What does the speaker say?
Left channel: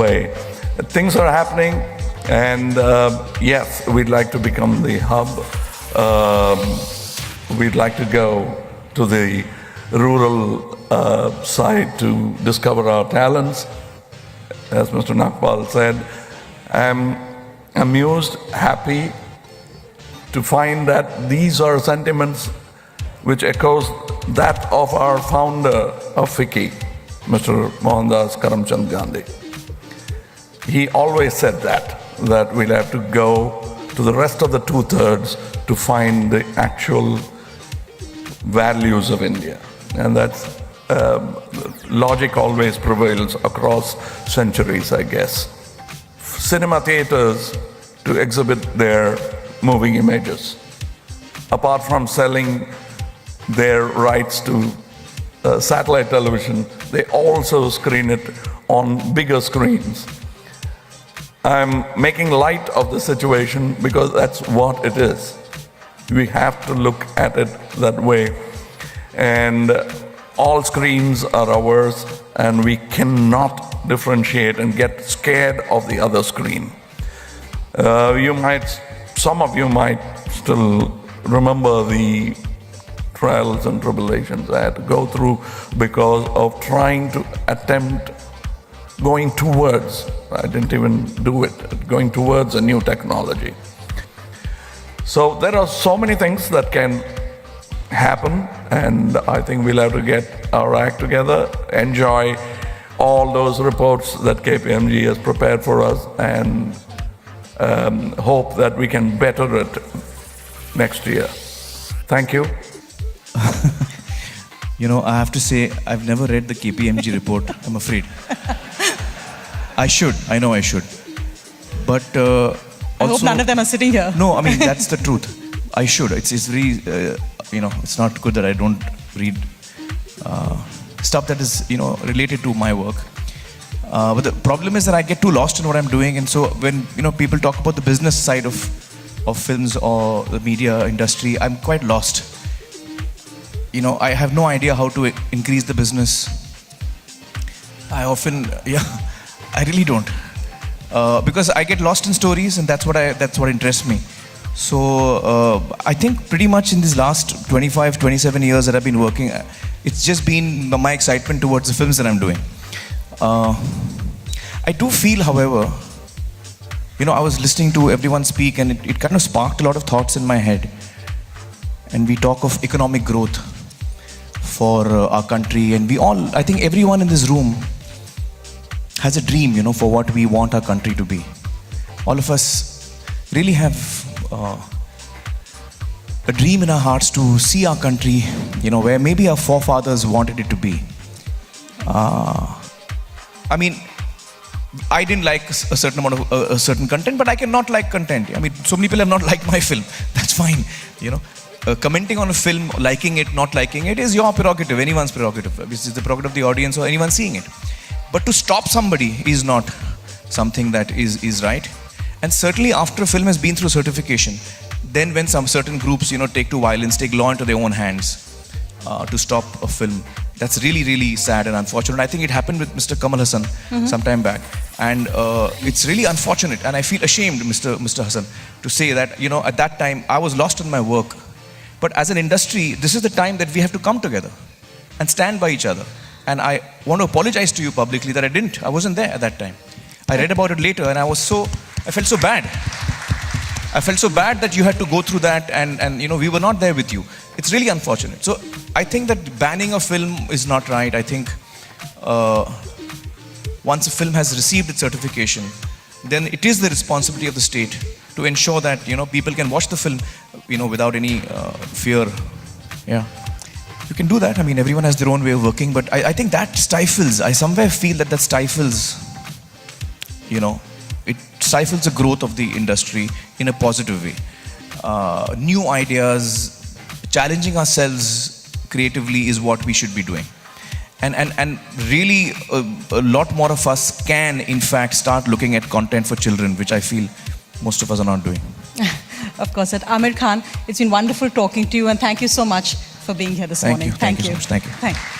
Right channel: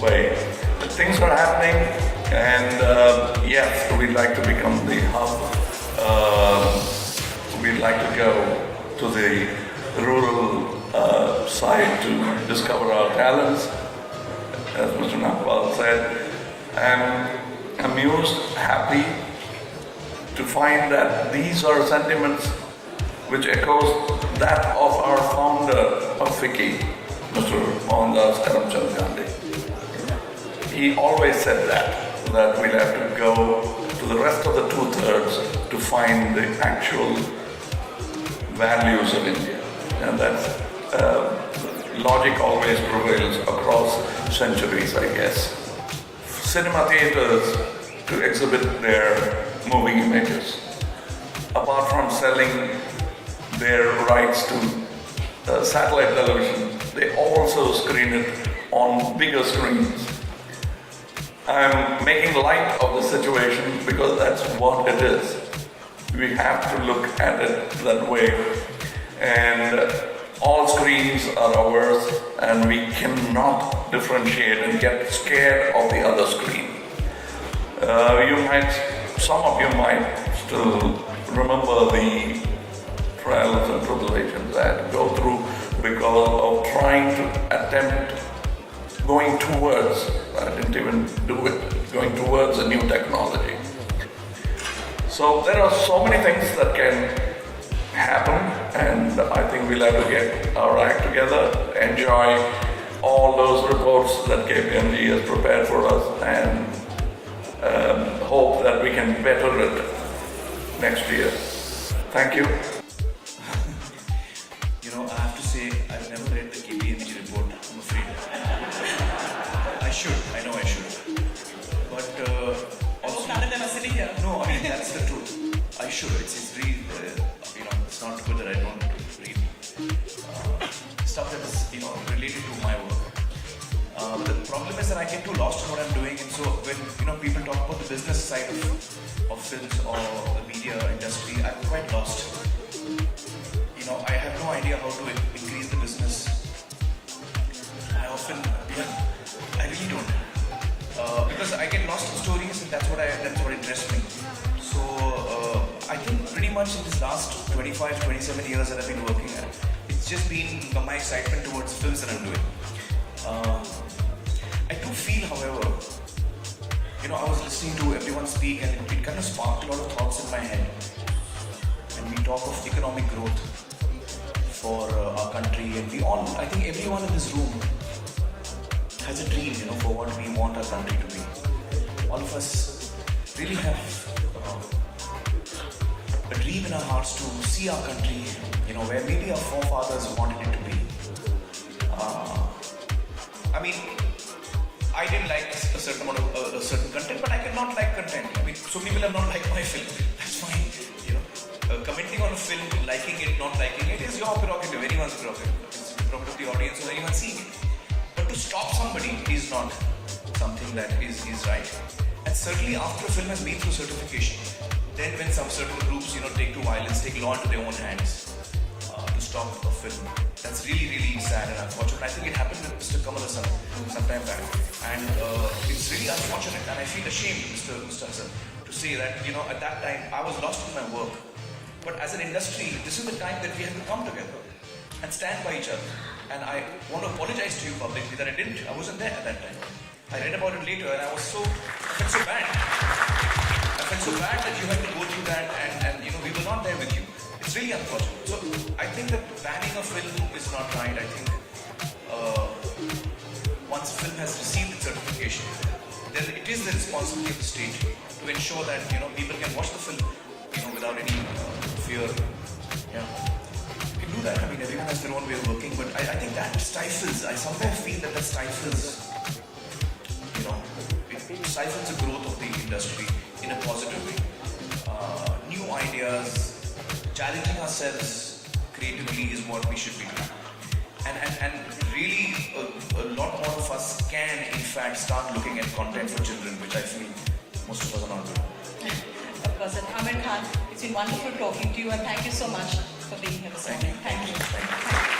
Mumbai. Things are happening, and yes, we'd like to become the hub. We'd like to go to the rural side to discover our talents. As Mr. Nagpal said, I'm amused, happy to find that these are sentiments which echoes that of our founder of Ficci, Mr. Mohandas Karamchand Gandhi. He always said that we'd have to go to the rest of the two-thirds to find the actual values of India. And that's logic always prevails across centuries, I guess. Cinema theaters to exhibit their moving images. Apart from selling their rights to satellite television, they also screen it on bigger screens. I'm making light of the situation because that's what it is. We have to look at it that way. And all screens are ours, and we cannot differentiate and get scared of the other screen. Some of you might still remember the trials and tribulations I had to go through because of trying to attempt going towards, I didn't even do it, going towards a new technology. So there are so many things that can happen, and I think we'll have to get our act together, enjoy all those reports that KPMG has prepared for us, and hope that we can better it next year. Thank you. You know, I have to say, I've never read the KPMG report, I'm afraid. I should, I know I should. But also... I hope none of them are sitting here. No, I mean, that's the truth. I should. It's very, you know, it's not good that I don't read stuff that is, you know, related to my work. But the problem is that I get too lost in what I'm doing, and so when, you know, people talk about the business side of films or the media industry, I'm quite lost. You know, I have no idea how to increase the business. I often, I really don't. Because I get lost in stories, and that's what interests me. So I think pretty much in these last 25, 27 years that I've been working, it's just been my excitement towards the films that I'm doing. I do feel, however, you know, I was listening to everyone speak, and it kind of sparked a lot of thoughts in my head. And we talk of economic growth for our country, and we all, I think everyone in this room has a dream, you know, for what we want our country to be. All of us really have a dream in our hearts to see our country, you know, where maybe our forefathers wanted it to be. I mean, I didn't like a certain amount of a certain content, but I cannot like content. I mean, so many people have not liked my film. That's fine, you know. Commenting on a film, liking it, not liking it is your prerogative, anyone's prerogative. This is the prerogative of the audience or anyone seeing it. But to stop somebody is not something that is right. And certainly after a film has been through certification, then when some certain groups, you know, take to violence, take law into their own hands to stop a film, that's really, really sad and unfortunate. I think it happened with Mr. Kamal Hassan some time back. And it's really unfortunate, and I feel ashamed, Mr. Hassan, to say that, you know, at that time I was lost in my work. But as an industry, this is the time that we have to come together and stand by each other. And I want to apologize to you publicly that I wasn't there at that time. I read about it later, and I felt so bad. I felt so bad that you had to go through that, and you know, we were not there with you. It's really unfortunate. So I think that banning a film is not right. I think once a film has received its certification, then it is the responsibility of the state to ensure that, you know, people can watch the film, you know, without any fear. Yeah. You can do that. I mean, everyone has their own way of working, but I think that stifles, I somewhere feel that stifles, you know, it stifles the growth of the industry in a positive way. New ideas, challenging ourselves creatively is what we should be doing. And really, a lot more of us can, in fact, start looking at content for children, which I feel most of us are not doing. Of course, Amir Khan, it's been wonderful talking to you, and thank you so much for being here this morning. Thank you. Thank you.